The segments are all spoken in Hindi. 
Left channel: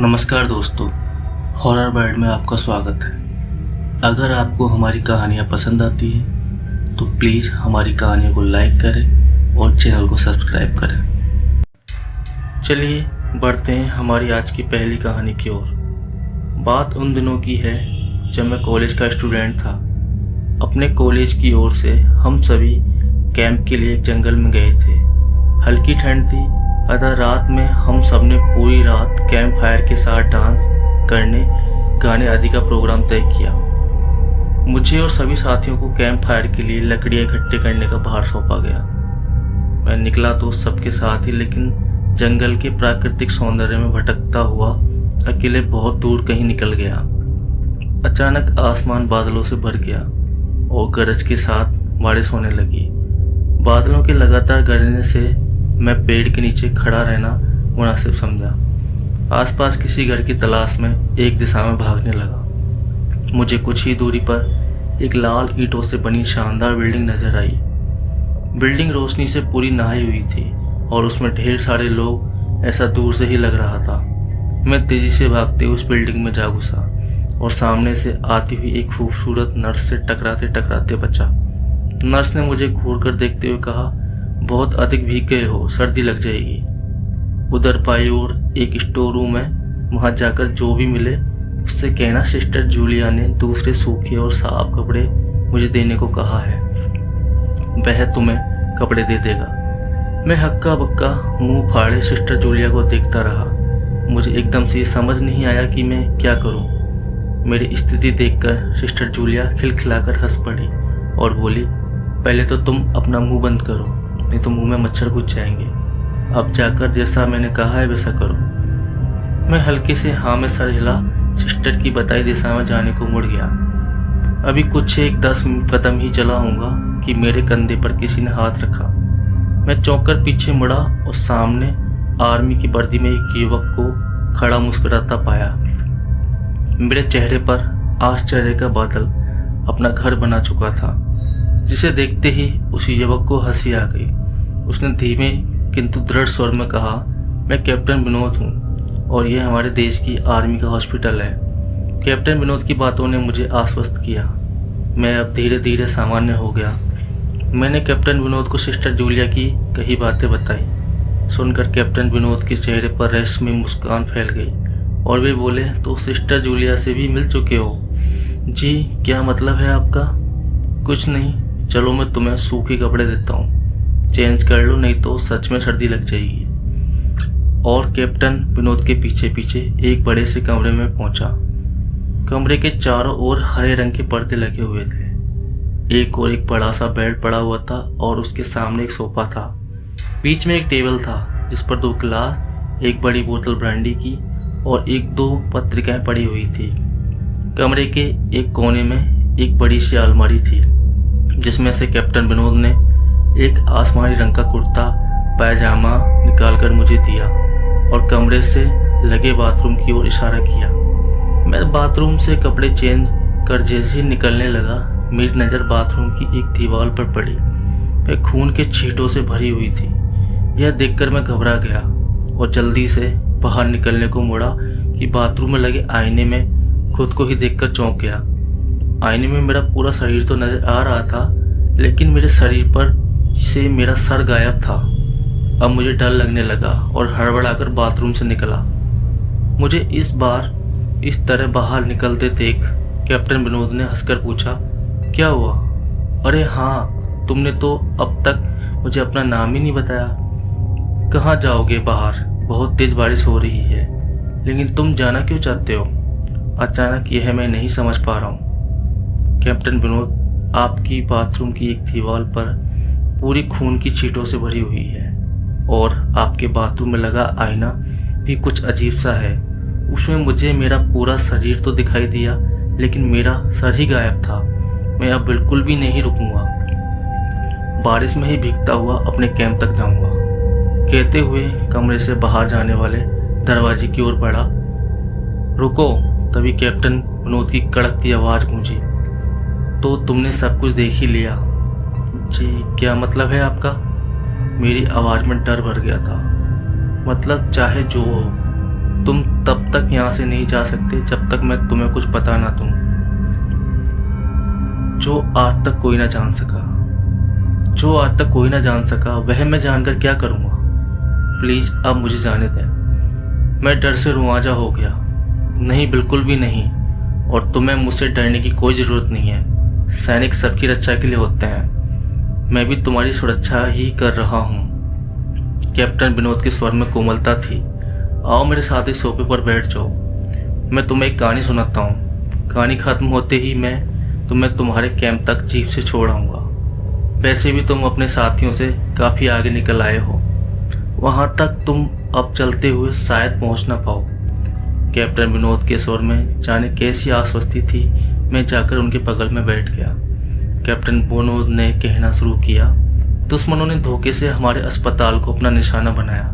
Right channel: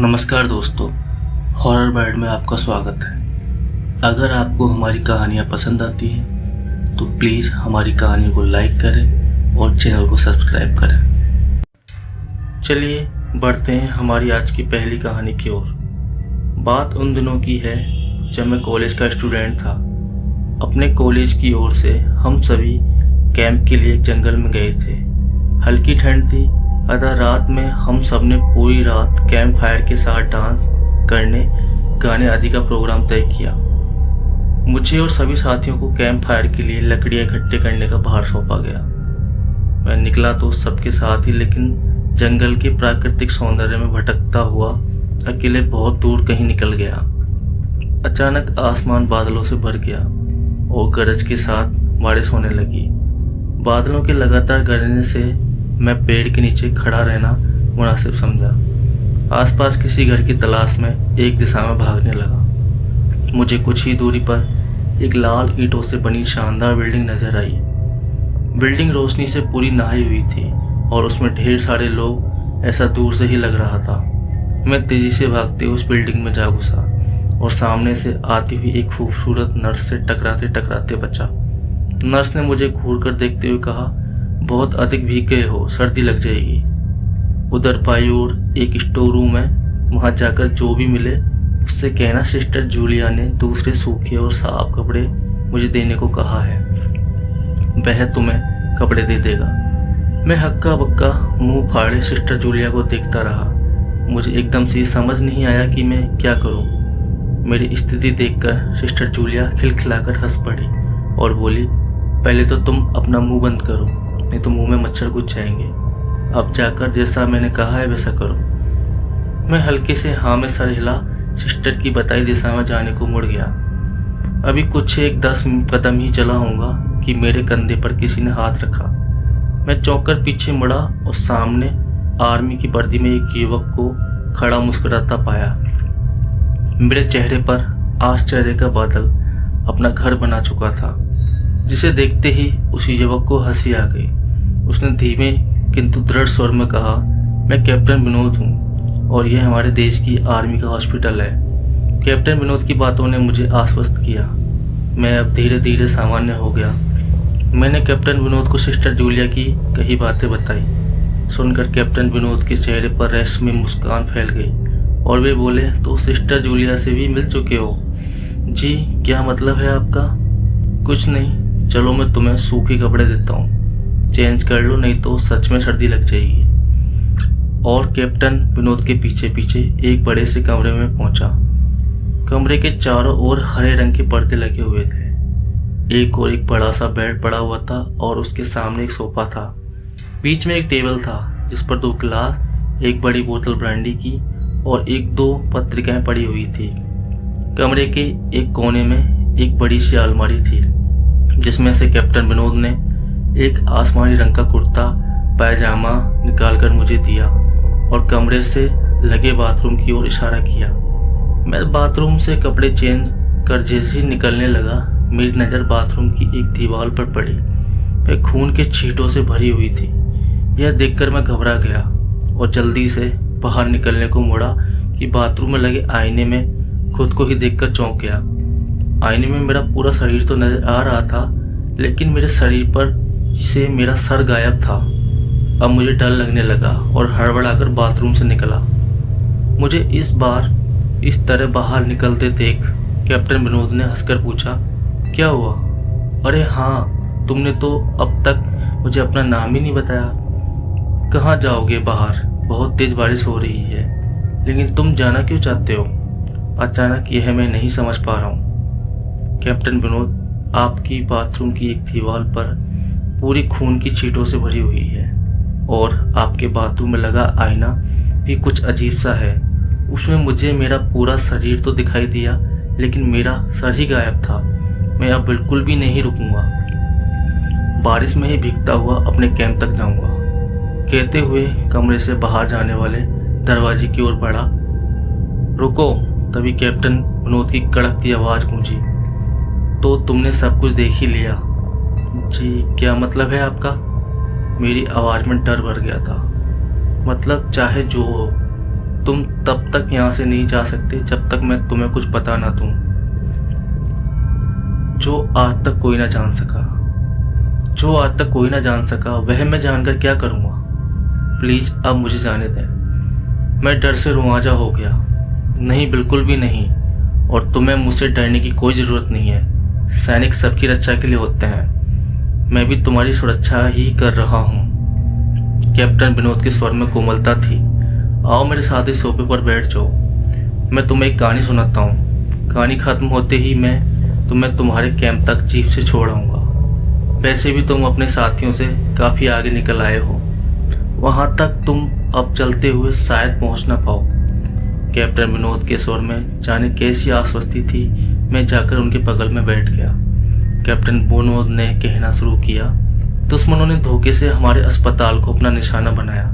नमस्कार दोस्तों, हॉरर बाइट में आपका स्वागत है। अगर आपको हमारी कहानियाँ पसंद आती हैं तो प्लीज़ हमारी कहानियों को लाइक करें और चैनल को सब्सक्राइब करें। चलिए बढ़ते हैं हमारी आज की पहली कहानी की ओर। बात उन दिनों की है जब मैं कॉलेज का स्टूडेंट था। अपने कॉलेज की ओर से हम सभी कैंप के लिए एक जंगल में गए थे। हल्की ठंड थी, अतः रात में हम सब ने पूरी रात कैंप फायर के साथ डांस करने, गाने आदि का प्रोग्राम तय किया। मुझे और सभी साथियों को कैंप फायर के लिए लकड़ियाँ इकट्ठे करने का भार सौंपा गया। मैं निकला तो सबके साथ ही, लेकिन जंगल के प्राकृतिक सौंदर्य में भटकता हुआ अकेले बहुत दूर कहीं निकल गया। अचानक आसमान बादलों से भर गया और गरज के साथ बारिश होने लगी। बादलों के लगातार गरजने से मैं पेड़ के नीचे खड़ा रहना मुनासिब समझा। आसपास किसी घर की तलाश में एक दिशा में भागने लगा। मुझे कुछ ही दूरी पर एक लाल ईंटों से बनी शानदार बिल्डिंग नजर आई। बिल्डिंग रोशनी से पूरी नहाई हुई थी और उसमें ढेर सारे लोग, ऐसा दूर से ही लग रहा था। मैं तेजी से भागते उस बिल्डिंग में जा घुसा और सामने से आती हुई एक खूबसूरत नर्स से टकराते टकराते बचा। नर्स ने मुझे घूर कर देखते हुए कहा, बहुत अधिक भीग गए हो, सर्दी लग जाएगी। उधर बाई ओर एक स्टोर रूम है, वहां जाकर जो भी मिले उससे कहना सिस्टर जूलिया ने दूसरे सूखे और साफ कपड़े मुझे देने को कहा है, वह तुम्हें कपड़े दे देगा। मैं हक्का बक्का मुंह फाड़े सिस्टर जूलिया को देखता रहा। मुझे एकदम से समझ नहीं आया कि मैं क्या करूं। मेरी स्थिति देखकर सिस्टर जूलिया खिलखिलाकर हंस पड़ी और बोली, पहले तो तुम अपना मुंह बंद करो, नहीं तो मुंह में मच्छर घुस जाएंगे। अब जाकर जैसा मैंने कहा है वैसा करो। मैं हल्के से हाँ में सर हिला सिस्टर की बताई दिशा में जाने को मुड़ गया। अभी कुछ 10 कदम ही चला होऊंगा कि मेरे कंधे पर किसी ने हाथ रखा। मैं चौंक कर पीछे मुड़ा और सामने आर्मी की वर्दी में एक युवक को खड़ा मुस्कुराता पाया। मेरे चेहरे पर आश्चर्य का बादल अपना घर बना चुका था, जिसे देखते ही उस युवक को हंसी आ गई। उसने धीमे किंतु दृढ़ स्वर में कहा, मैं कैप्टन विनोद हूँ और यह हमारे देश की आर्मी का हॉस्पिटल है। कैप्टन विनोद की बातों ने मुझे आश्वस्त किया। मैं अब धीरे धीरे सामान्य हो गया। मैंने कैप्टन विनोद को सिस्टर जूलिया की कई बातें बताई। सुनकर कैप्टन विनोद के चेहरे पर रेशमी मुस्कान फैल गई और वे बोले, तो सिस्टर जूलिया से भी मिल चुके हो? जी, क्या मतलब है आपका? कुछ नहीं, चलो मैं तुम्हें सूखे कपड़े देता हूँ, चेंज कर लो, नहीं तो सच में सर्दी लग जाएगी। और कैप्टन विनोद के पीछे पीछे एक बड़े से कमरे में पहुंचा। कमरे के चारों ओर हरे रंग के पर्दे लगे हुए थे। एक और एक बड़ा सा बेड पड़ा हुआ था और उसके सामने एक सोफा था। बीच में एक टेबल था जिस पर 2 गिलास, एक बड़ी बोतल ब्रांडी की और 1-2 पत्रिकाएं पड़ी हुई थी। कमरे के एक कोने में एक बड़ी सी अलमारी थी, जिसमें से कैप्टन विनोद ने एक आसमानी रंग का कुर्ता पैजामा निकालकर मुझे दिया और कमरे से लगे बाथरूम की ओर इशारा किया। मैं बाथरूम से कपड़े चेंज कर जैसे ही निकलने लगा, मेरी नज़र बाथरूम की एक दीवार पर पड़ी। वह खून के छींटों से भरी हुई थी। यह देखकर मैं घबरा गया और जल्दी से बाहर निकलने को मुड़ा कि बाथरूम में लगे आईने में खुद को ही देखकर चौंक गया। आईने में मेरा पूरा शरीर तो नजर आ रहा था, लेकिन मेरे शरीर पर से मेरा सर गायब था। अब मुझे डर लगने लगा और हड़बड़ाकर बाथरूम से निकला। मुझे इस बार इस तरह बाहर निकलते देख कैप्टन विनोद ने हंसकर पूछा, क्या हुआ? अरे हाँ, तुमने तो अब तक मुझे अपना नाम ही नहीं बताया। कहाँ जाओगे बाहर? बहुत तेज बारिश हो रही है, लेकिन तुम जाना क्यों चाहते हो? अचानक यह मैं नहीं समझ पा रहा हूँ। कैप्टन विनोद, आपकी बाथरूम की एक दीवार पर पूरी खून की छींटों से भरी हुई है और आपके बाथरूम में लगा आईना भी कुछ अजीब सा है। उसमें मुझे मेरा पूरा शरीर तो दिखाई दिया, लेकिन मेरा सर ही गायब था। मैं अब बिल्कुल भी नहीं रुकूंगा, बारिश में ही भीगता हुआ अपने कैंप तक जाऊंगा। कहते हुए कमरे से बाहर जाने वाले दरवाजे की ओर बढ़ा। रुको! तभी कैप्टन विनोद की कड़कती आवाज़ गूंजी, तो तुमने सब कुछ देख ही लिया? जी, क्या मतलब है आपका? मेरी आवाज़ में डर भर गया था। मतलब चाहे जो हो, तुम तब तक यहाँ से नहीं जा सकते जब तक मैं तुम्हें कुछ बता ना दूँ, जो आज तक कोई ना जान सका। जो आज तक कोई ना जान सका वह मैं जानकर क्या करूँगा। प्लीज़ अब मुझे जाने दें। मैं डर से रुआंजा हो गया। नहीं, बिल्कुल भी नहीं, और तुम्हें मुझसे डरने की कोई ज़रूरत नहीं है। सैनिक सबकी रक्षा के लिए होते हैं। मैं भी तुम्हारी सुरक्षा ही कर रहा हूँ। कैप्टन विनोद के स्वर में कोमलता थी। आओ मेरे साथ ही सोफे पर बैठ जाओ, मैं तुम्हें एक कहानी सुनाता हूँ। कहानी खत्म होते ही मैं तुम्हें तुम्हारे कैंप तक जीप से छोड़ आऊँगा। वैसे भी तुम अपने साथियों से काफ़ी आगे निकल आए हो, वहाँ तक तुम अब चलते हुए शायद पहुँच ना पाओ। कैप्टन विनोद के स्वर में जाने कैसी आश्वस्ति थी। मैं जाकर उनके बगल में बैठ गया। कैप्टन विनोद ने कहना शुरू किया, दुश्मनों ने धोखे से हमारे अस्पताल को अपना निशाना बनाया।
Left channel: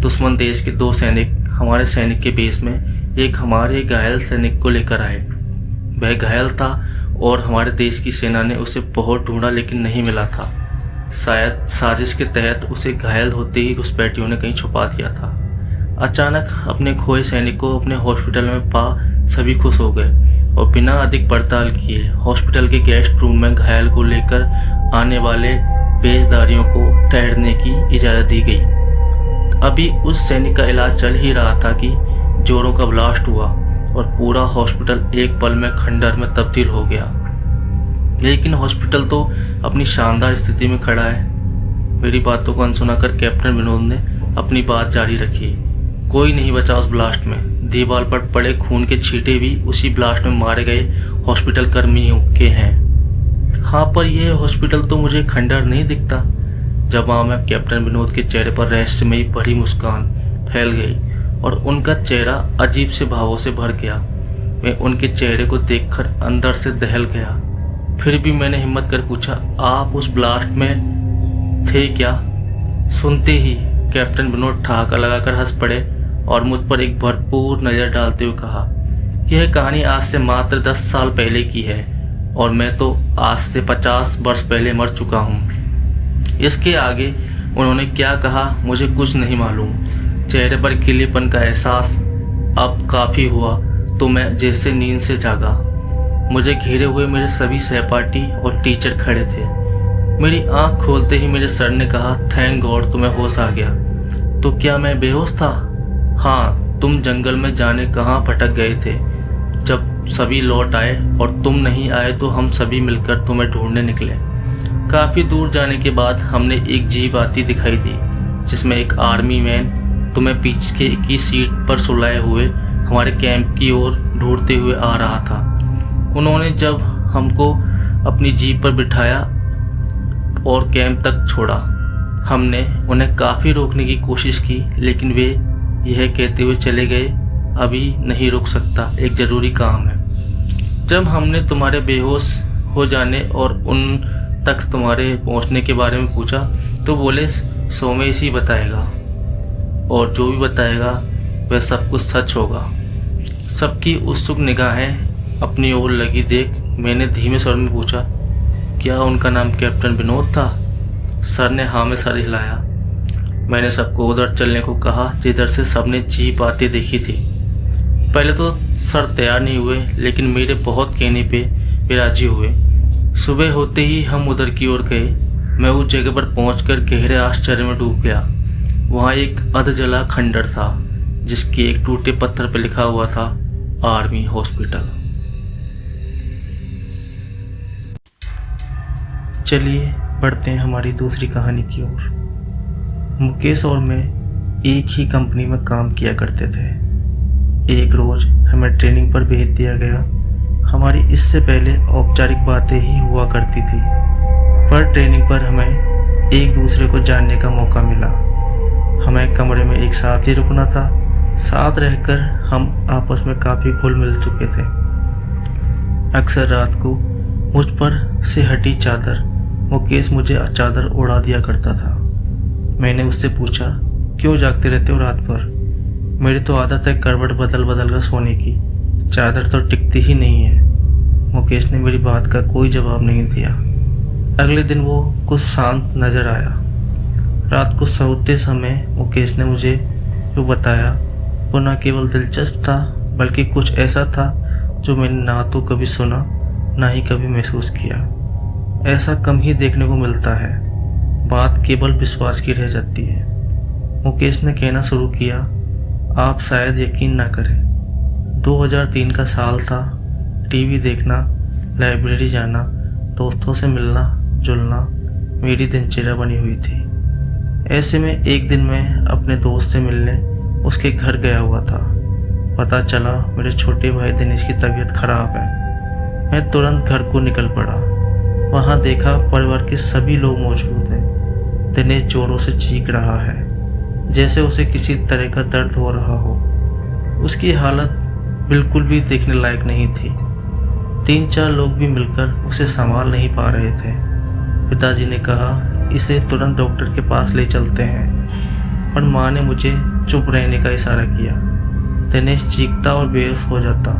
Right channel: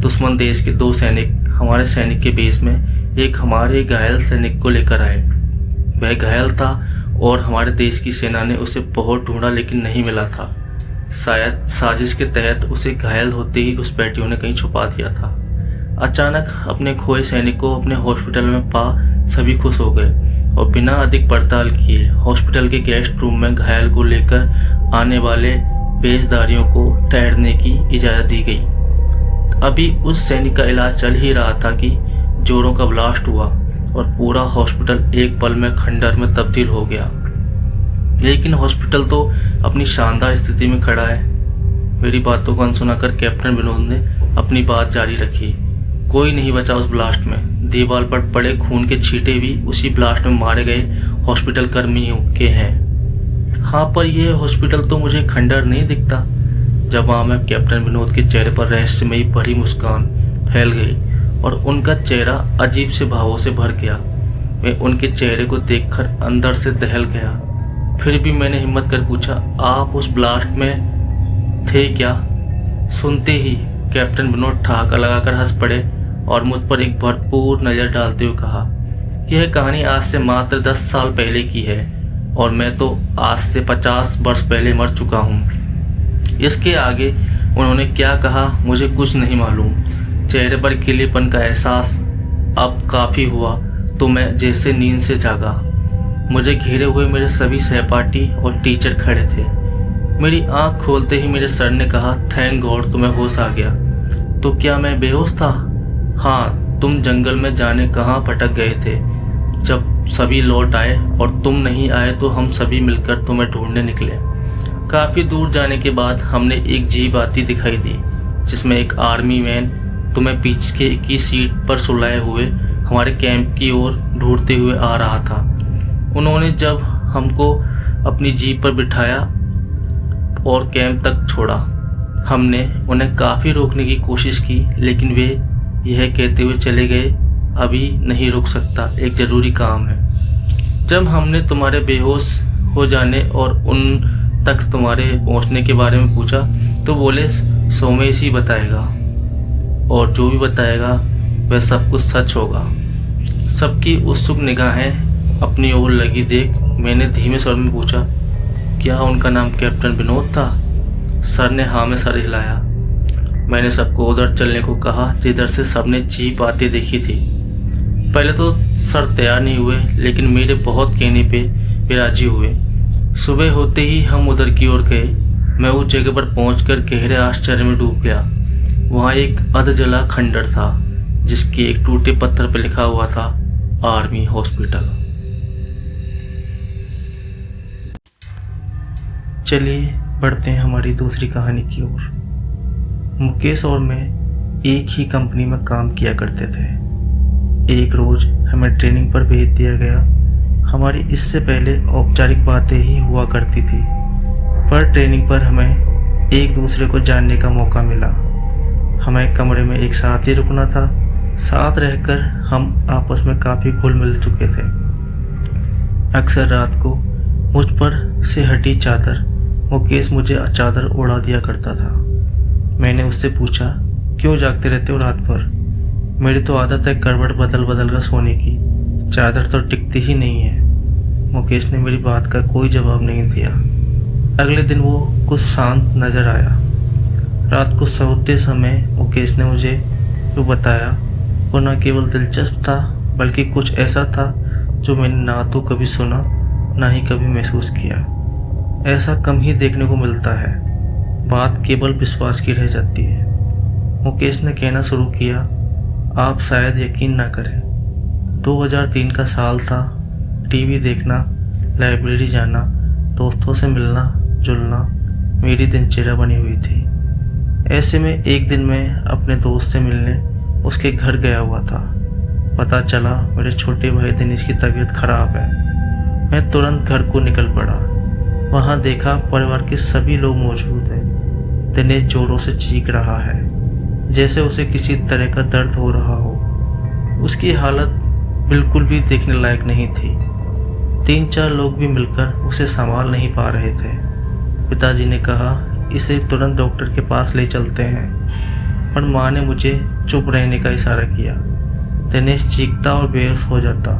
दुश्मन देश के 2 सैनिक हमारे सैनिक के बेस में एक हमारे घायल सैनिक को लेकर आए। वह घायल था और हमारे देश की सेना ने उसे बहुत ढूंढा लेकिन नहीं मिला था। शायद साजिश के तहत उसे घायल होते ही घुसपैठियों ने कहीं छुपा दिया था। अचानक अपने खोए सैनिक को अपने हॉस्पिटल में पा सभी खुश हो गए और बिना अधिक पड़ताल किए हॉस्पिटल के गेस्ट रूम में घायल को लेकर आने वाले पेशदारियों को ठहरने की इजाज़त दी गई। अभी उस सैनिक का इलाज चल ही रहा था कि जोरों का ब्लास्ट हुआ और पूरा हॉस्पिटल एक पल में खंडर में तब्दील हो गया। लेकिन हॉस्पिटल तो अपनी शानदार स्थिति में खड़ा है। मेरी बातों को अनसुना कर कैप्टन विनोद ने अपनी बात जारी रखी। कोई नहीं बचा उस ब्लास्ट में। दीवार पर पड़े खून के छींटे भी उसी ब्लास्ट में मारे गए हॉस्पिटल कर्मियों के हैं। हाँ, पर यह हॉस्पिटल तो मुझे खंडर नहीं दिखता। जवाब में कैप्टन विनोद के चेहरे पर रहस्यमयी भरी मुस्कान फैल गई और उनका चेहरा अजीब से भावों से भर गया। मैं उनके चेहरे को देखकर अंदर से दहल गया। फिर भी मैंने हिम्मत कर पूछा, आप उस ब्लास्ट में थे क्या? सुनते ही कैप्टन विनोद ठहाका लगाकर हंस पड़े और मुझ पर एक भरपूर नज़र डालते हुए कहा, यह कहानी आज से मात्र 10 साल पहले की है और मैं तो आज से 50 वर्ष पहले मर चुका हूँ। इसके आगे उन्होंने क्या कहा मुझे कुछ नहीं मालूम। चेहरे पर गिलेपन का एहसास अब काफ़ी हुआ तो मैं जैसे नींद से जागा। मुझे घेरे हुए मेरे सभी सहपाठी और टीचर खड़े थे। मेरी आंख खोलते ही मेरे सर ने कहा, थैंक गॉड तुम्हें होश आ गया। तो क्या मैं बेहोश था? हाँ, तुम जंगल में जाने कहाँ भटक गए थे। जब सभी लौट आए और तुम नहीं आए तो हम सभी मिलकर तुम्हें ढूंढने निकले। काफ़ी दूर जाने के बाद हमने एक जीप आती दिखाई दी जिसमें एक आर्मी मैन तुम्हें पीछे की सीट पर सुलाए हुए हमारे कैंप की ओर ढूंढते हुए आ रहा था। उन्होंने जब हमको अपनी जीप पर बिठाया और कैंप तक छोड़ा, हमने उन्हें काफ़ी रोकने की कोशिश की लेकिन वे यह कहते हुए चले गए, अभी नहीं रुक सकता, एक ज़रूरी काम है। जब हमने तुम्हारे बेहोश हो जाने और उन तक तुम्हारे पहुंचने के बारे में पूछा तो बोले सोमेश ही बताएगा और जो भी बताएगा वह सब कुछ सच होगा। सबकी उत्सुक निगाहें अपनी ओर लगी देख मैंने धीमे स्वर में पूछा, क्या उनका नाम कैप्टन विनोद था? सर ने हाँ में सर हिलाया। मैंने सबको उधर चलने को कहा जिधर से सबने जीप आते देखी थी। पहले तो सर तैयार नहीं हुए लेकिन मेरे बहुत कहने पे वे राजी हुए। सुबह होते ही हम उधर की ओर गए। मैं उस जगह पर पहुंचकर गहरे आश्चर्य में डूब गया। वहाँ एक अधजला खंडर था जिसके एक टूटे पत्थर पर लिखा हुआ था आर्मी हॉस्पिटल। चलिए बढ़ते हैं हमारी दूसरी कहानी की ओर। मुकेश और मैं एक ही कंपनी में काम किया करते थे। एक रोज़ हमें ट्रेनिंग पर भेज दिया गया। हमारी इससे पहले औपचारिक बातें ही हुआ करती थी, पर ट्रेनिंग पर हमें एक दूसरे को जानने का मौका मिला। हमें कमरे में एक साथ ही रुकना था। साथ रहकर हम आपस में काफ़ी घुल मिल चुके थे। अक्सर रात को मुझ पर से हटी चादर मुकेश मुझे चादर उड़ा दिया करता था। मैंने उससे पूछा, क्यों जागते रहते हो रात भर? मेरी तो आदत है करवट बदल बदल कर सोने की, चादर तो टिकती ही नहीं है। मुकेश ने मेरी बात का कोई जवाब नहीं दिया। अगले दिन वो कुछ शांत नज़र आया। रात को सोते समय मुकेश ने मुझे जो बताया वो न केवल दिलचस्प था बल्कि कुछ ऐसा था जो मैंने ना तो कभी सुना ना ही कभी महसूस किया। ऐसा कम ही देखने को मिलता है। बात केवल विश्वास की रह जाती है। मुकेश ने कहना शुरू किया, आप शायद यकीन ना करें, 2003 का साल था। टीवी देखना, लाइब्रेरी जाना, दोस्तों से मिलना जुलना मेरी दिनचर्या बनी हुई थी। ऐसे में एक दिन मैं अपने दोस्त से मिलने उसके घर गया हुआ था। पता चला मेरे छोटे भाई दिनेश की तबीयत खराब है। मैं तुरंत घर को निकल पड़ा। वहाँ देखा परिवार के सभी लोग मौजूद हैं। दिनेश जोरों से चीख रहा है, जैसे उसे किसी तरह का दर्द हो रहा हो। उसकी हालत बिल्कुल भी देखने लायक नहीं थी। 3-4 लोग भी मिलकर उसे संभाल नहीं पा रहे थे। पिताजी ने कहा, इसे तुरंत डॉक्टर के पास ले चलते हैं, पर माँ ने मुझे चुप रहने का इशारा किया। दिनेश चीखता और बेहोश हो जाता।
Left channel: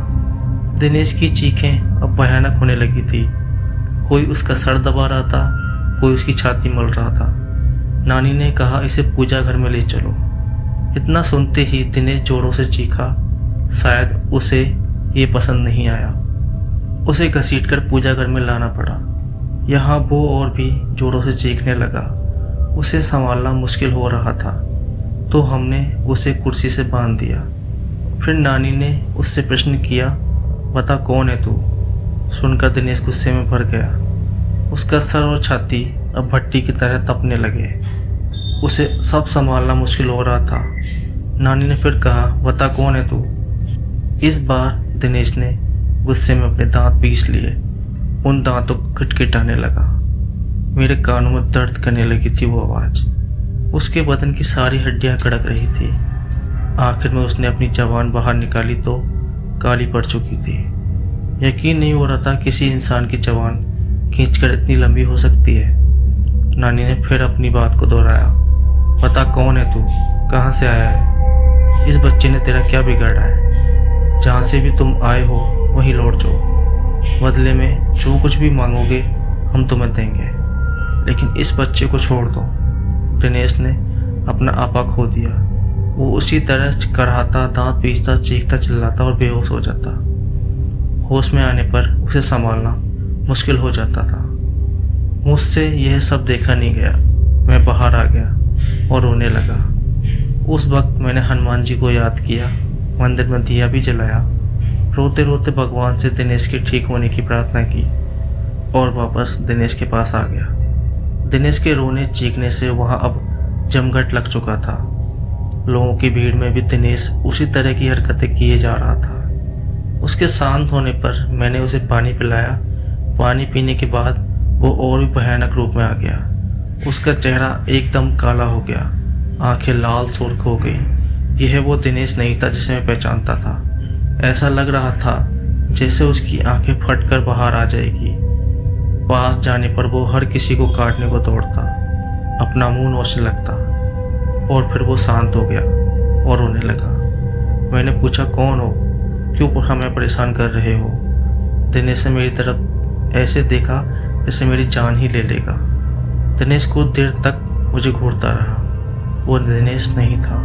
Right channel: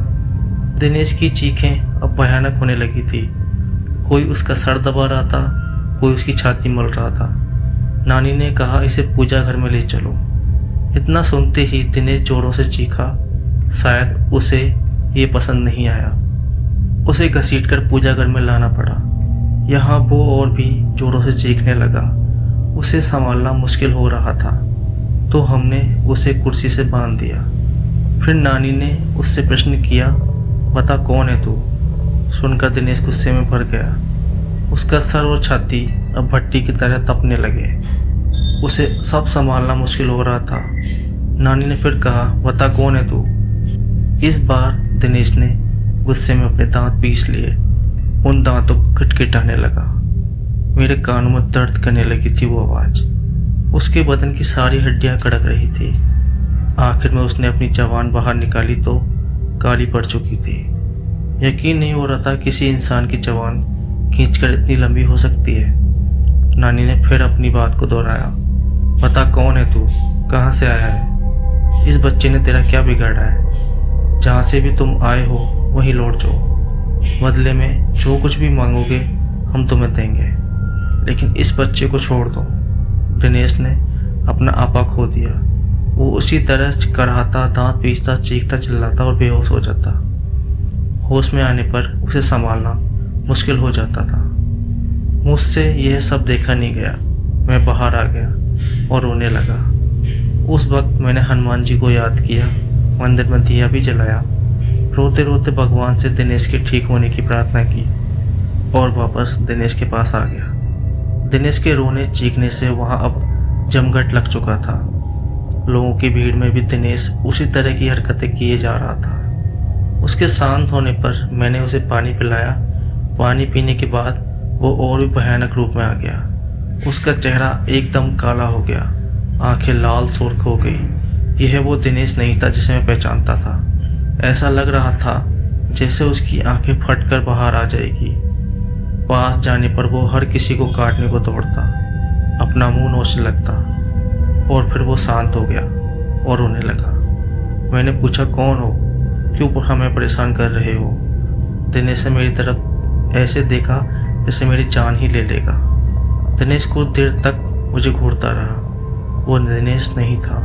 दिनेश की चीखें अब भयानक होने लगी थी। कोई उसका सर दबा रहा था, कोई उसकी छाती मल रहा था। नानी ने कहा, इसे पूजा घर में ले चलो। इतना सुनते ही दिनेश जोरों से चीखा। शायद उसे ये पसंद नहीं आया। उसे घसीटकर पूजा घर में लाना पड़ा। यहाँ वो और भी जोरों से चीखने लगा। उसे संभालना मुश्किल हो रहा था, तो हमने उसे कुर्सी से बांध दिया। फिर नानी ने उससे प्रश्न किया, बता कौन है तू? सुनकर दिनेश गुस्से में भर गया। उसका सर और छाती अब भट्टी की तरह तपने लगे। उसे सब संभालना मुश्किल हो रहा था। नानी ने फिर कहा, बता कौन है तू? इस बार दिनेश ने गुस्से में अपने दांत पीस लिए। उन दांतों को खटखटाने लगा। मेरे कानों में दर्द करने लगी थी वो आवाज़। उसके बदन की सारी हड्डियां कड़क रही थी। आखिर में उसने अपनी जबान बाहर निकाली तो काली पड़ चुकी थी। यकीन नहीं हो रहा था किसी इंसान की जबान खींचकर इतनी लंबी हो सकती है। नानी ने फिर अपनी बात को दोहराया, बता कौन है तू? कहाँ से आया है? इस बच्चे ने तेरा क्या बिगाड़ा है? जहाँ से भी तुम आए हो वहीं लौट जाओ। बदले में जो कुछ भी मांगोगे हम तुम्हें देंगे, लेकिन इस बच्चे को छोड़ दो। दिनेश ने अपना आपा खो दिया। वो उसी तरह कराहता, दांत पीसता, चीखता, चिल्लाता और बेहोश हो जाता। होश में आने पर उसे संभालना मुश्किल हो जाता था। मुझसे यह सब देखा नहीं गया। मैं बाहर आ गया और रोने लगा। उस वक्त मैंने हनुमान जी को याद किया, मंदिर में दिया भी जलाया। रोते रोते भगवान से दिनेश के ठीक होने की प्रार्थना की और वापस दिनेश के पास आ गया। दिनेश के रोने चीखने से वहाँ अब जमघट लग चुका था। लोगों की भीड़ में भी दिनेश उसी तरह की हरकतें किए जा रहा था। उसके शांत होने पर मैंने उसे पानी पिलाया। पानी पीने के बाद वो और भी भयानक रूप में आ गया। उसका चेहरा एकदम काला हो गया, आंखें लाल सुर्ख हो गई। यह वो दिनेश नहीं था जिसे मैं पहचानता था। ऐसा लग रहा था जैसे उसकी आंखें फटकर बाहर आ जाएगी। पास जाने पर वो हर किसी को काटने को दौड़ता, अपना मुंह नोचने लगता और फिर वो शांत हो गया और रोने लगा। मैंने पूछा, कौन हो? क्यों हमें परेशान कर रहे हो? दिनेश ने मेरी तरफ ऐसे देखा जैसे मेरी जान ही ले लेगा। दिनेश कुछ देर तक मुझे घूरता रहा। वो दिनेश नहीं था,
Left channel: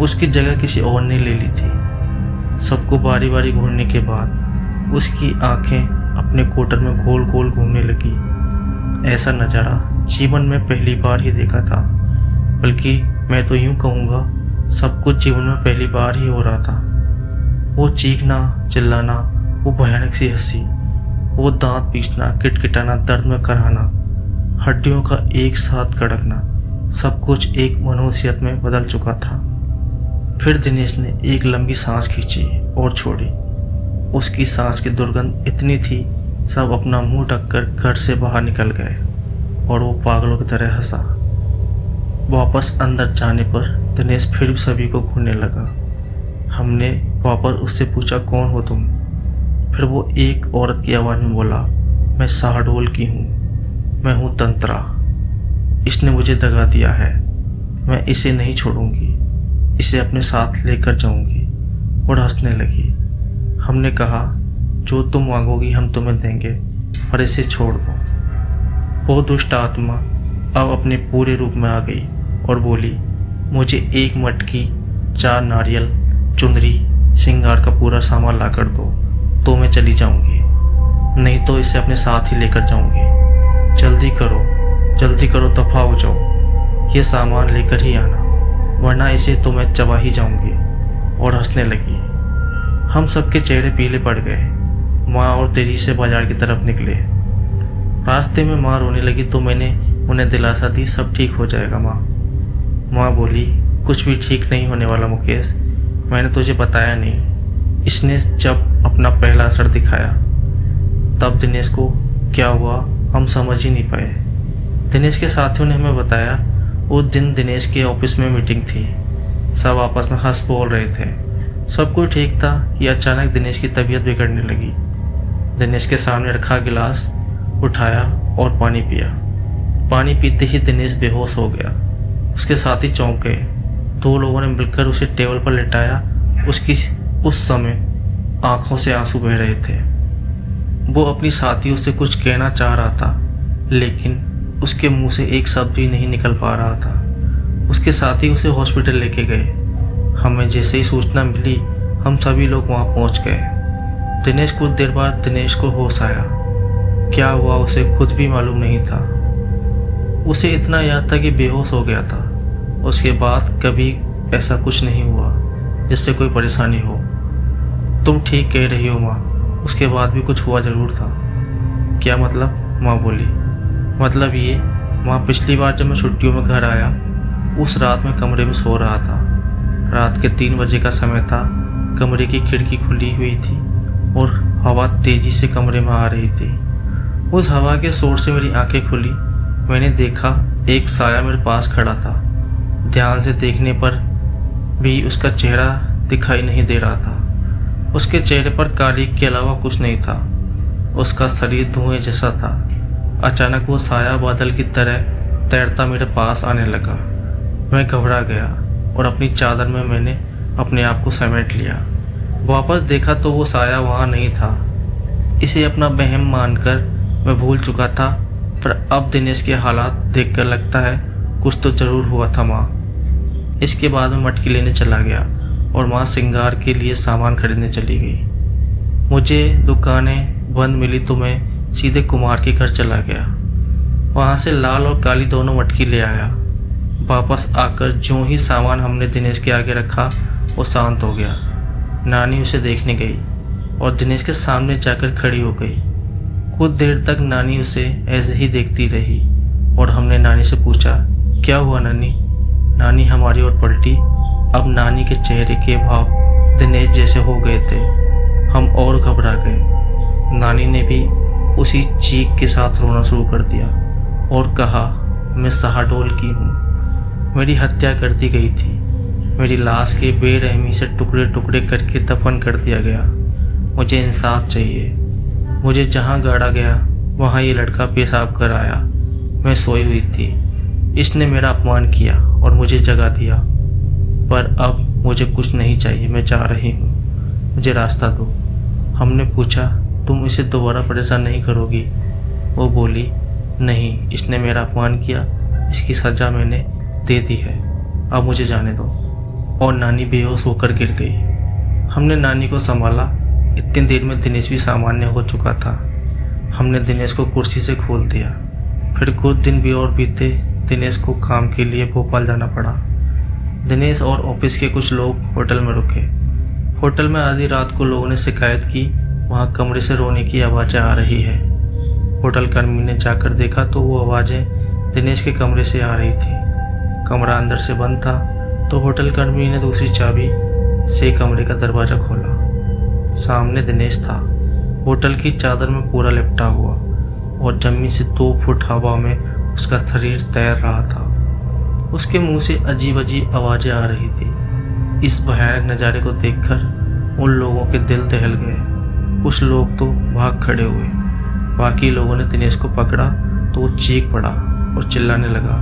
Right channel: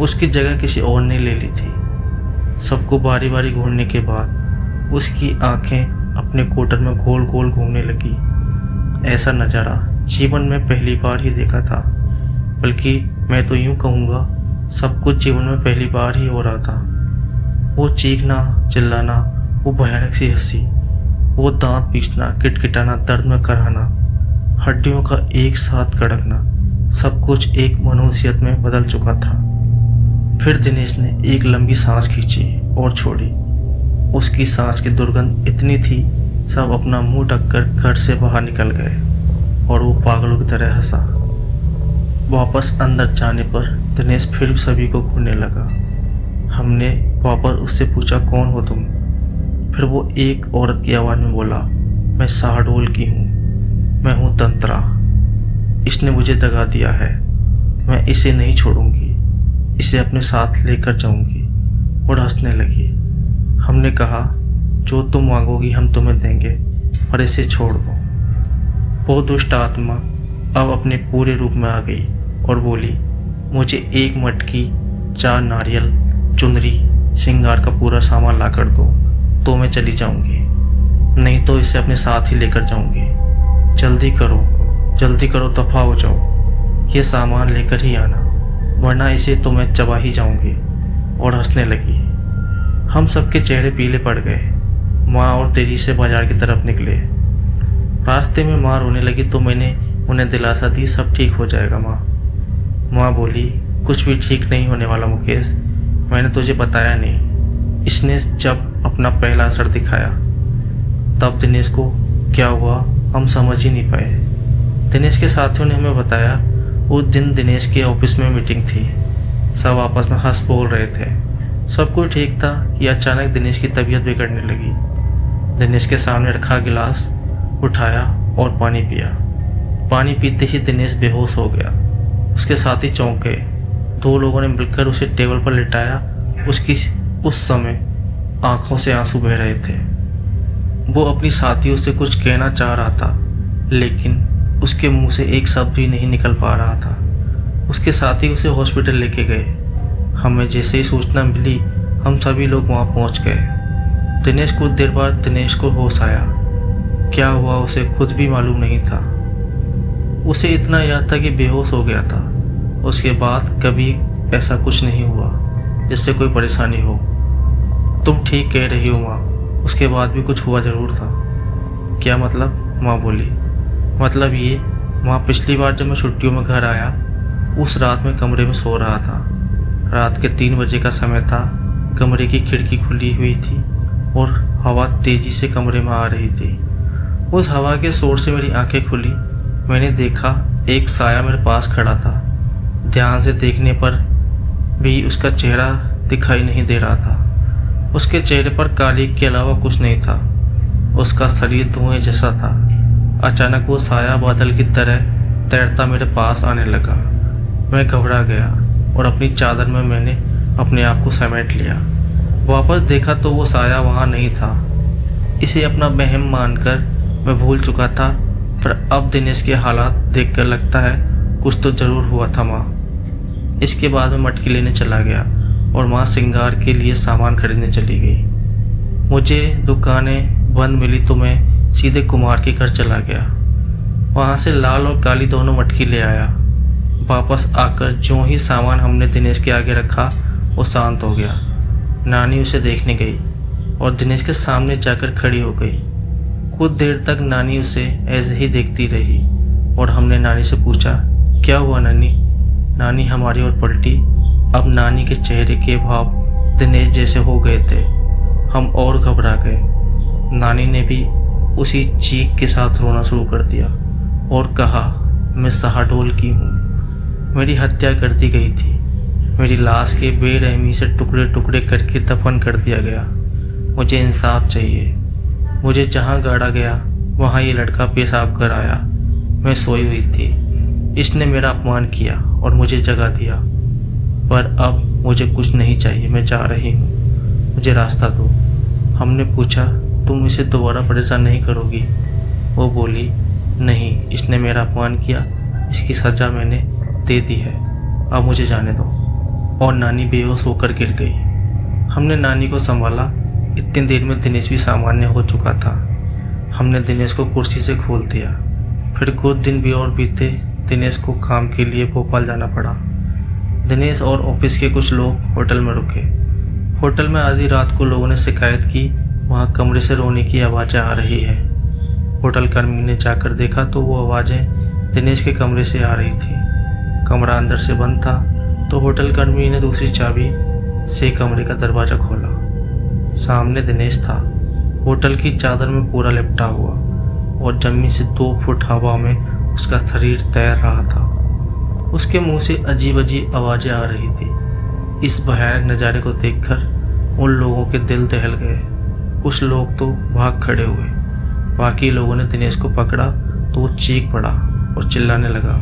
उसकी जगह किसी और ने ले ली थी। सबको बारी बारी घूरने के बाद उसकी आंखें अपने कोटर में गोल गोल घूमने लगी। ऐसा नज़ारा जीवन में पहली बार ही देखा था, बल्कि मैं तो यूँ कहूँगा सब कुछ जीवन में पहली बार ही हो रहा था। वो चीखना, चिल्लाना, वो भयानक सी हंसी, वो दांत पीसना, किटकिटाना, दर्द में कराहना, हड्डियों का एक साथ कड़कना, सब कुछ एक मनुष्यत में बदल चुका था। फिर दिनेश ने एक लंबी सांस खींची और छोड़ी। उसकी सांस की दुर्गंध इतनी थी, सब अपना मुंह ढककर घर से बाहर निकल गए और वो पागलों की तरह हंसा। वापस अंदर जाने पर दिनेश फिर सभी को घूरने लगा। हमने वापस उससे पूछा, कौन हो तुम? फिर वो एक औरत की आवाज़ में बोला, मैं शाहडोल की हूँ, मैं हूँ तंत्रा। इसने मुझे दगा दिया है, मैं इसे नहीं छोड़ूंगी, इसे अपने साथ लेकर जाऊंगी। और हंसने लगी। हमने कहा, जो तुम मांगोगी हम तुम्हें देंगे, पर इसे छोड़ दो। वो दुष्ट आत्मा अब अपने पूरे रूप में आ गई और बोली, मुझे 1 मटकी, 4 नारियल, चुनरी श्रृंगार का पूरा सामान ला कर दो तो मैं चली जाऊंगी, नहीं तो इसे अपने साथ ही लेकर जाऊंगी। जल्दी करो, दफा हो जाओ। ये सामान लेकर ही आना, वरना इसे तो मैं चबा ही जाऊंगी। और हंसने लगी। हम सबके चेहरे पीले पड़ गए। माँ और तेजी से बाजार की तरफ निकले। रास्ते में माँ रोने लगी तो मैंने उन्हें दिलासा दी, सब ठीक हो जाएगा माँ। माँ बोली, कुछ भी ठीक नहीं होने वाला मुकेश, मैंने तुझे बताया नहीं। इसने जब अपना पहला असर दिखाया तब दिनेश को क्या हुआ हम समझ ही नहीं पाए। दिनेश के साथियों ने हमें बताया उस दिन दिनेश के ऑफिस में मीटिंग थी। सब आपस में हंस बोल रहे थे, सब कुछ ठीक था कि अचानक दिनेश की तबीयत बिगड़ने लगी। दिनेश के सामने रखा गिलास उठाया और पानी पिया। पानी पीते ही दिनेश बेहोश हो गया। उसके साथी चौंक गए। 2 लोगों ने मिलकर उसे टेबल पर लिटाया। उसकी उस समय आंखों से आंसू बह रहे थे। वो अपनी साथियों से कुछ कहना चाह रहा था, लेकिन उसके मुंह से एक शब्द भी नहीं निकल पा रहा था। उसके साथी उसे हॉस्पिटल लेके गए। हमें जैसे ही सूचना मिली हम सभी लोग वहाँ पहुँच गए। दिनेश कुछ देर बाद दिनेश को होश आया। क्या हुआ उसे खुद भी मालूम नहीं था। उसे इतना याद था कि बेहोश हो गया था। उसके बाद कभी ऐसा कुछ नहीं हुआ जिससे कोई परेशानी हो। तुम ठीक कह रही हो माँ, उसके बाद भी कुछ हुआ ज़रूर था। क्या मतलब? माँ बोली। मतलब ये माँ, पिछली बार जब मैं छुट्टियों में घर आया उस रात में कमरे में सो रहा था। रात के 3 बजे का समय था। कमरे की खिड़की खुली हुई थी और हवा तेज़ी से कमरे में आ रही थी। उस हवा के शोर से मेरी आंखें खुली। मैंने देखा एक साया मेरे पास खड़ा था। ध्यान से देखने पर भी उसका चेहरा दिखाई नहीं दे रहा था। उसके चेहरे पर काली के अलावा कुछ नहीं था। उसका शरीर धुएं जैसा था। अचानक वो साया बादल की तरह तैरता मेरे पास आने लगा। मैं घबरा गया और अपनी चादर में मैंने अपने आप को समेट लिया। वापस देखा तो वो साया वहाँ नहीं था। इसे अपना वहम मानकर मैं भूल चुका था, पर अब दिनेश के हालात देखकर लगता है कुछ तो ज़रूर हुआ था माँ। इसके बाद मैं मटकी लेने चला गया और माँ श्रृंगार के लिए सामान खरीदने चली गई। मुझे दुकानें बंद मिली तो मैं सीधे कुमार के घर चला गया। वहाँ से लाल और काली दोनों मटकी ले आया। वापस आकर जो ही सामान हमने दिनेश के आगे रखा वो शांत हो गया। नानी उसे देखने गई और दिनेश के सामने जाकर खड़ी हो गई। कुछ देर तक नानी उसे ऐसे ही देखती रही और हमने नानी से पूछा, क्या हुआ नानी? नानी हमारी ओर पलटी। अब नानी के चेहरे के भाव दिनेश जैसे हो गए थे। हम और घबरा गए। नानी ने भी उसी चीख के साथ रोना शुरू कर दिया और कहा, मैं शहडोल की हूँ। मेरी हत्या कर दी गई थी। मेरी लाश के बेरहमी से टुकड़े टुकड़े करके दफन कर दिया गया। मुझे इंसाफ चाहिए। मुझे जहाँ गाड़ा गया वहाँ ये लड़का पेशाब कर आया। मैं सोई हुई थी। इसने मेरा अपमान किया और मुझे जगा दिया। पर अब मुझे कुछ नहीं चाहिए। मैं जा रही हूँ, मुझे रास्ता दो। हमने पूछा, तुम इसे दोबारा परेशान नहीं करोगी? वो बोली, नहीं, इसने मेरा अपमान किया, इसकी सज़ा मैंने दे दी है, अब मुझे जाने दो। और नानी बेहोश होकर गिर गई। हमने नानी को संभाला। इतनी देर में दिनेश भी सामान्य हो चुका था। हमने दिनेश को कुर्सी से खोल दिया। फिर कुछ दिन भी और बीते। दिनेश को काम के लिए भोपाल जाना पड़ा। दिनेश और ऑफिस के कुछ लोग होटल में रुके। होटल में आधी रात को लोगों ने शिकायत की, वहाँ कमरे से रोने की आवाज़ें आ रही है। होटल कर्मी ने जाकर देखा तो वो आवाज़ें दिनेश के कमरे से आ रही थी। कमरा अंदर से बंद था तो होटल कर्मी ने दूसरी चाबी से कमरे का दरवाज़ा खोला। सामने दिनेश था, होटल की चादर में पूरा लिपटा हुआ और जमीन से 2 फुट हवा में उसका शरीर तैर रहा था। उसके मुंह से अजीब अजीब आवाज़ें आ रही थी। इस भयानक नज़ारे को देखकर उन लोगों के दिल दहल गए। कुछ लोग तो भाग खड़े हुए। बाकी लोगों ने दिनेश को पकड़ा तो वो चीख पड़ा और चिल्लाने लगा।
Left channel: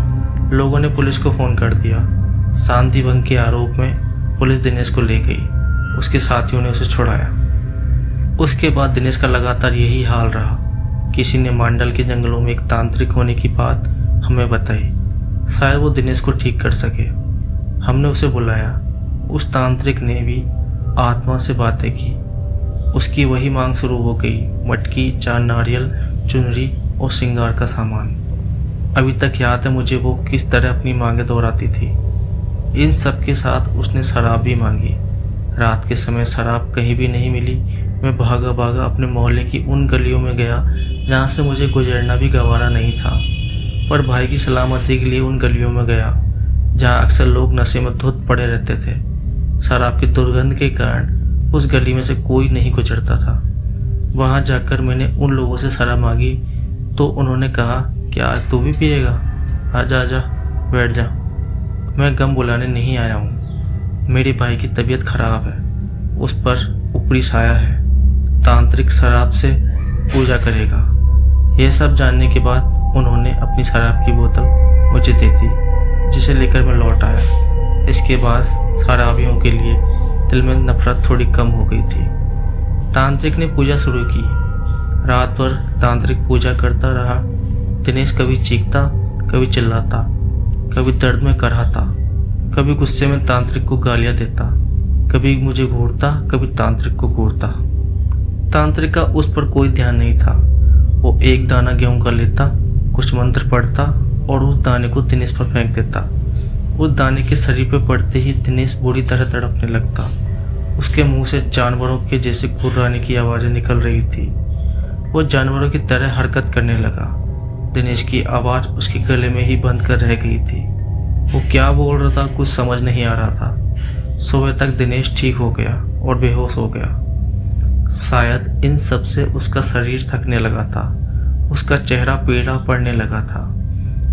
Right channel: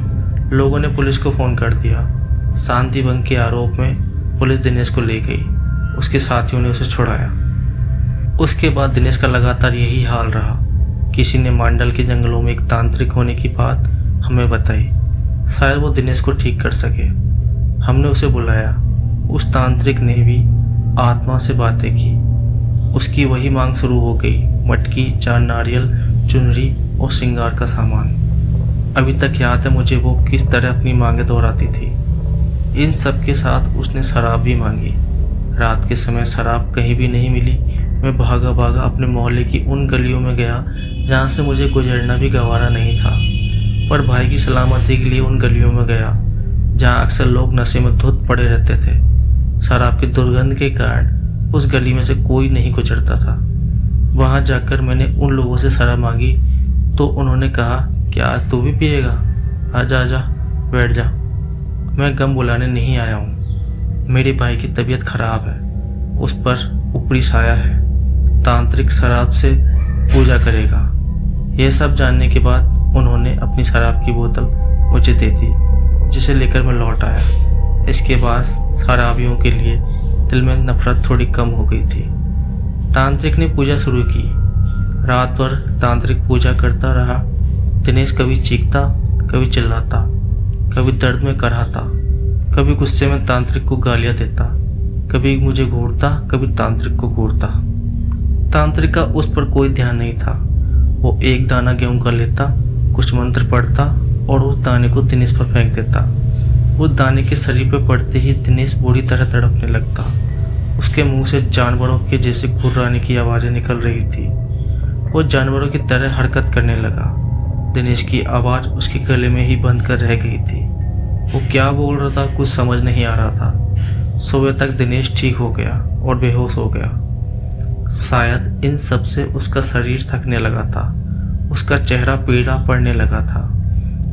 लोगों ने पुलिस को फ़ोन कर दिया। शांति भंग के आरोप में पुलिस दिनेश को ले गई। उसके साथियों ने उसे छुड़ाया। उसके बाद दिनेश का लगातार यही हाल रहा। किसी ने मांडल के जंगलों में एक तांत्रिक होने की बात हमें बताई। शायद वो दिनेश को ठीक कर सके। हमने उसे बुलाया। उस तांत्रिक ने भी आत्मा से बातें की। उसकी वही मांग शुरू हो गई, मटकी, 4 नारियल, चुनरी और श्रृंगार का सामान। अभी तक याद है मुझे वो किस तरह अपनी मांगें दोहराती थी। इन सब के साथ उसने शराब भी मांगी। रात के समय शराब कहीं भी नहीं मिली। मैं भागा भागा अपने मोहल्ले की उन गलियों में गया जहाँ से मुझे गुजरना भी गवारा नहीं था, पर भाई की सलामती के लिए उन गलियों में गया जहाँ अक्सर लोग नशे में धुत पड़े रहते थे। शराब की दुर्गंध के कारण उस गली में से कोई नहीं गुजरता था। वहाँ जाकर मैंने उन लोगों से शराब मांगी तो उन्होंने कहा, क्या आज तू भी पिएगा? आजा आजा, बैठ जा। मैं गम बुलाने नहीं आया हूँ। मेरे भाई की तबीयत खराब है, उस पर ऊपरी साया है, तांत्रिक शराब से पूजा करेगा। यह सब जानने के बाद उन्होंने अपनी शराब की बोतल मुझे दे दी, जिसे लेकर मैं लौट आया। इसके बाद शराबियों के लिए दिल में नफरत थोड़ी कम हो गई थी। तांत्रिक ने पूजा शुरू की। रात भर तांत्रिक पूजा करता रहा। दिनेश कभी चीखता, कभी चिल्लाता, कभी दर्द में कराहता, कभी गुस्से में तांत्रिक को गालियां देता, कभी मुझे घूरता, कभी तांत्रिक को घूरता। तांत्रिक का उस पर कोई ध्यान नहीं था। वो एक दाना गेहूं का लेता, कुछ मंत्र पढ़ता और उस दाने को दिनेश पर फेंक देता। उस दाने के शरीर पर पड़ते ही दिनेश बुरी तरह तड़पने लगता। उसके मुंह से जानवरों के जैसे घुर्राने की आवाज़ें निकल रही थी। वो जानवरों की तरह हरकत करने लगा। दिनेश की आवाज़ उसके गले में ही बंद कर रह गई थी। वो क्या बोल रहा था कुछ समझ नहीं आ रहा था। सुबह तक दिनेश ठीक हो गया और बेहोश हो गया। शायद इन सब से उसका शरीर थकने लगा था। उसका चेहरा पीला पड़ने लगा था।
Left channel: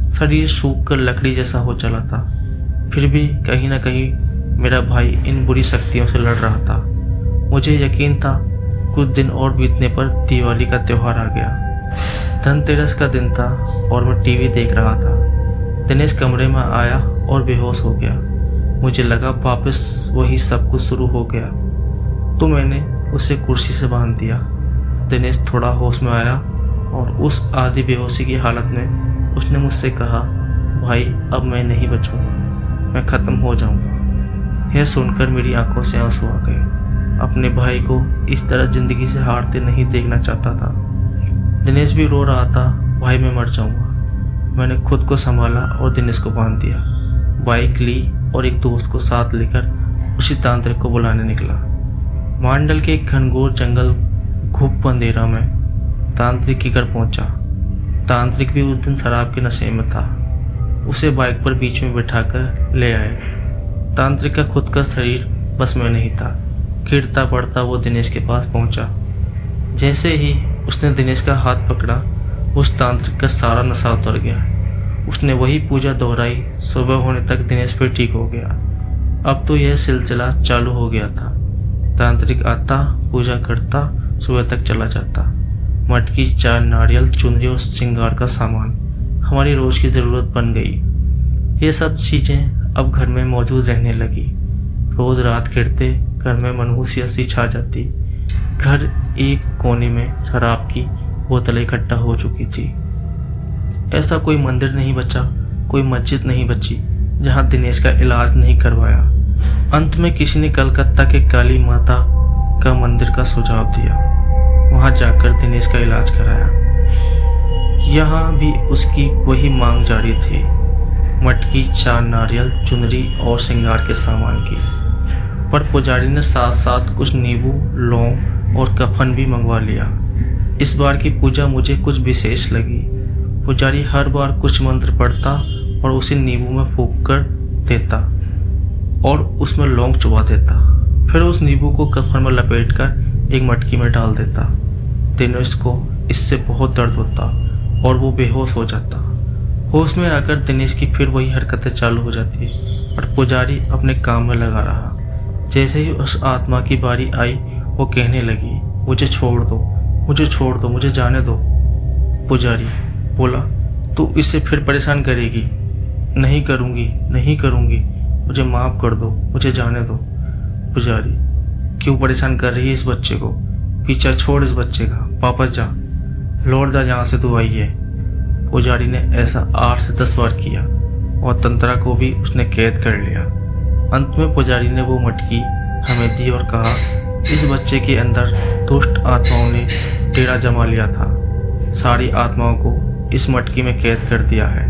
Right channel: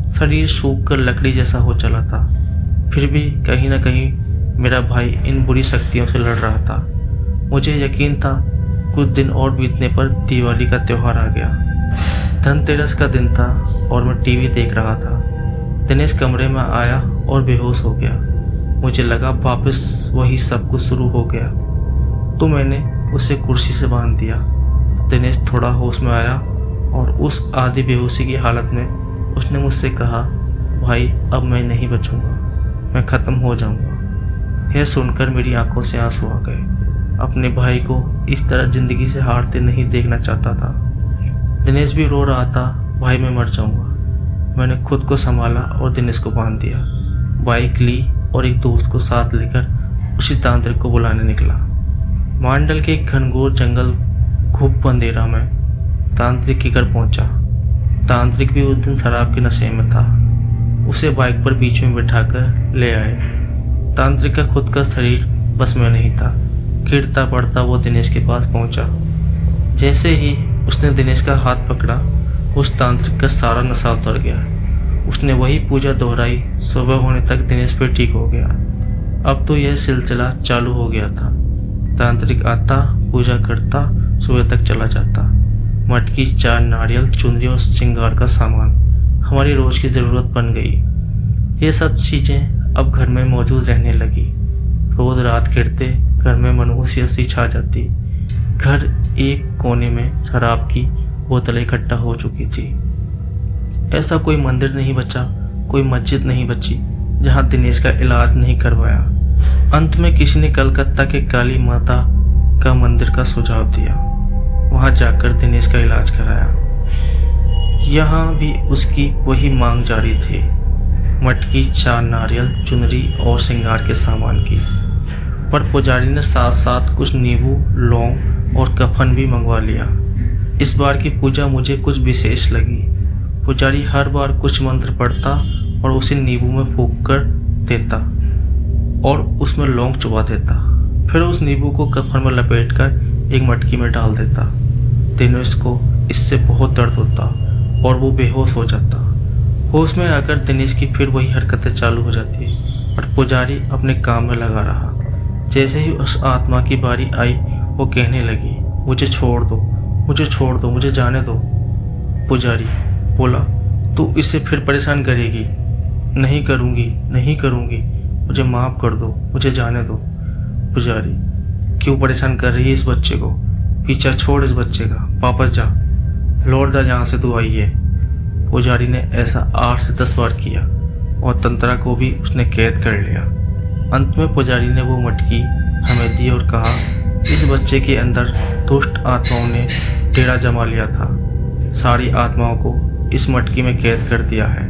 शरीर सूख कर लकड़ी जैसा हो चला था। फिर भी कहीं ना कहीं मेरा भाई इन बुरी शक्तियों से लड़ रहा था। मुझे यकीन था कुछ दिन और बीतने पर दिवाली का त्यौहार आ गया। धनतेरस का दिन था और मैं टीवी देख रहा था। दिनेश कमरे में आया और बेहोश हो गया। मुझे लगा वापस वही सब कुछ शुरू हो गया, तो मैंने उसे कुर्सी से बांध दिया। दिनेश थोड़ा होश में आया और उस आधी बेहोशी की हालत में उसने मुझसे कहा, भाई अब मैं नहीं बचूंगा, मैं ख़त्म हो जाऊंगा। यह सुनकर मेरी आंखों से आंसू आ गए। अपने भाई को इस तरह ज़िंदगी से हारते नहीं देखना चाहता था। दिनेश भी रो रहा था, भाई मैं मर जाऊंगा। मैंने खुद को संभाला और दिनेश को बांध दिया। बाइक ली और एक दोस्त को साथ लेकर उसी तांत्रिक को बुलाने निकला। मांडल के एक घनघोर जंगल घुप अंधेरा में तांत्रिक के घर पहुंचा। तांत्रिक भी उस दिन शराब के नशे में था। उसे बाइक पर बीच में बिठाकर ले आए। तांत्रिक का खुद का शरीर बस में नहीं था। गिरता पड़ता वो दिनेश के पास पहुंचा। जैसे ही उसने दिनेश का हाथ पकड़ा, उस तांत्रिक का सारा नशा उतर गया। उसने वही पूजा दोहराई। सुबह होने तक दिनेश फिर ठीक हो गया। अब तो यह सिलसिला चालू हो गया था। तांत्रिक आता, पूजा करता, सुबह तक चला जाता। मटकी, 4 नारियल, चुनरी और श्रृंगार का सामान हमारी रोज की ज़रूरत बन गई। ये सब चीज़ें अब घर में मौजूद रहने लगी। रोज़ रात गिरते घर में मनहूसियत सी छा जाती। घर एक कोने में शराब की बोतलें इकट्ठा हो चुकी थी। ऐसा कोई मंदिर नहीं बचा, कोई मस्जिद नहीं बची जहाँ दिनेश का इलाज नहीं करवाया। अंत में किसी ने कलकत्ता के काली माता का मंदिर का सुझाव दिया। वहाँ जाकर दिनेश का इलाज कराया। यहाँ भी उसकी वही मांग जारी थी, मटकी, 4 नारियल, चुनरी और श्रृंगार के सामान की। पर पुजारी ने साथ साथ कुछ नींबू, लौंग और कफन भी मंगवा लिया। इस बार की पूजा मुझे कुछ विशेष लगी। पुजारी हर बार कुछ मंत्र पढ़ता और उसे नींबू में फूंक कर देता और उसमें लौंग चुबा देता। फिर उस नींबू को कफन में लपेटकर एक मटकी में डाल देता। दिनेश को इससे बहुत दर्द होता और वो बेहोश हो जाता। होश में आकर दिनेश की फिर वही हरकतें चालू हो जाती और पुजारी अपने काम में लगा रहा। जैसे ही उस आत्मा की बारी आई, वो कहने लगी, मुझे छोड़ दो, मुझे छोड़ दो, मुझे जाने दो। पुजारी बोला, तू इससे फिर परेशान करेगी? नहीं करूँगी, नहीं करूँगी, मुझे माफ़ कर दो, मुझे जाने दो। पुजारी, क्यों परेशान कर रही है इस बच्चे को? पीछा छोड़ इस बच्चे का, वापस जा, लौट जा जहाँ से तू आई है। पुजारी ने ऐसा 8 से 10 बार किया और तंत्रा को भी उसने कैद कर लिया। अंत में पुजारी ने वो मटकी हमें दी और कहा, इस बच्चे के अंदर दुष्ट आत्माओं ने डेरा जमा लिया था। सारी आत्माओं को इस मटकी में कैद कर दिया है।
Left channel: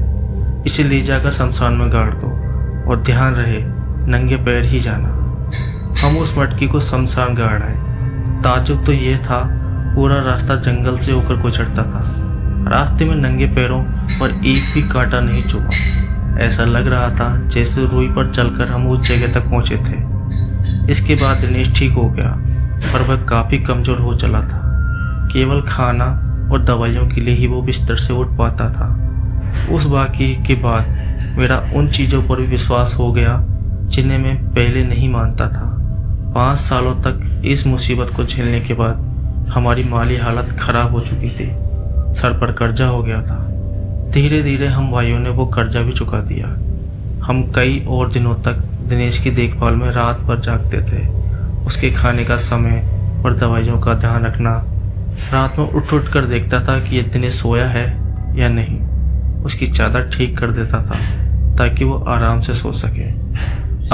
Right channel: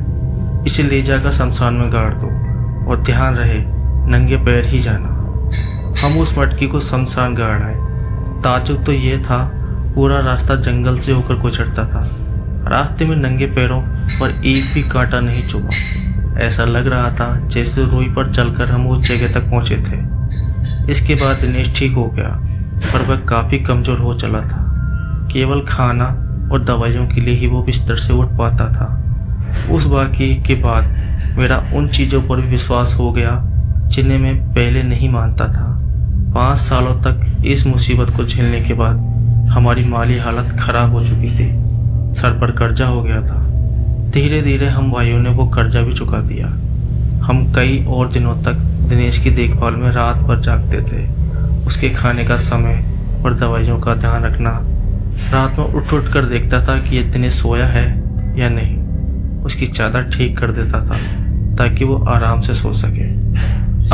इसे ले जाकर शमशान में गाड़ दो और ध्यान रहे नंगे पैर ही जाना। हम उस मटकी को शमशान गाड़ आए। ताज्जुब तो ये था, पूरा रास्ता जंगल से होकर गुजरता था। रास्ते में नंगे पैरों पर एक भी कांटा नहीं चुभा। ऐसा लग रहा था जैसे रुई पर चलकर हम उस जगह तक पहुंचे थे। इसके बाद दिनेश ठीक हो गया, पर वह काफ़ी कमज़ोर हो चला था। केवल खाना और दवाइयों के लिए ही वो बिस्तर से उठ पाता था। उस वाक़ये के बाद मेरा उन चीज़ों पर भी विश्वास हो गया जिन्हें मैं पहले नहीं मानता था। 5 सालों तक इस मुसीबत को झेलने के बाद हमारी माली हालत ख़राब हो चुकी थी। सर पर कर्जा हो गया था। धीरे धीरे हम भाइयों ने वो कर्जा भी चुका दिया। हम कई और दिनों तक दिनेश की देखभाल में रात भर जागते थे। उसके खाने का समय और दवाइयों का ध्यान रखना। रात में उठ कर देखता था कि ये दिनेश सोया है या नहीं। उसकी चादर ठीक कर देता था ताकि वो आराम से सो सके।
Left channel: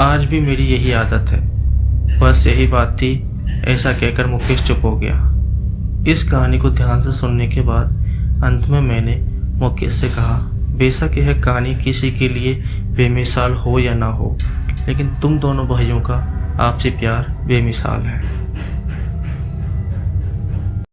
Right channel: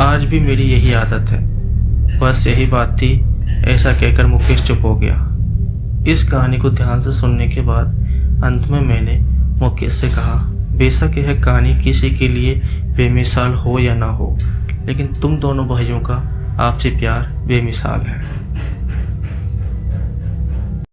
आज भी मेरी यही आदत है। बस यही बात थी, ऐसा कहकर मुकेश चुप हो गया। इस कहानी को ध्यान से सुनने के बाद अंत में मैंने मुकेश से कहा, बेशक यह कहानी किसी के लिए बेमिसाल हो या ना हो, लेकिन तुम दोनों भाइयों का आपसी प्यार बेमिसाल है।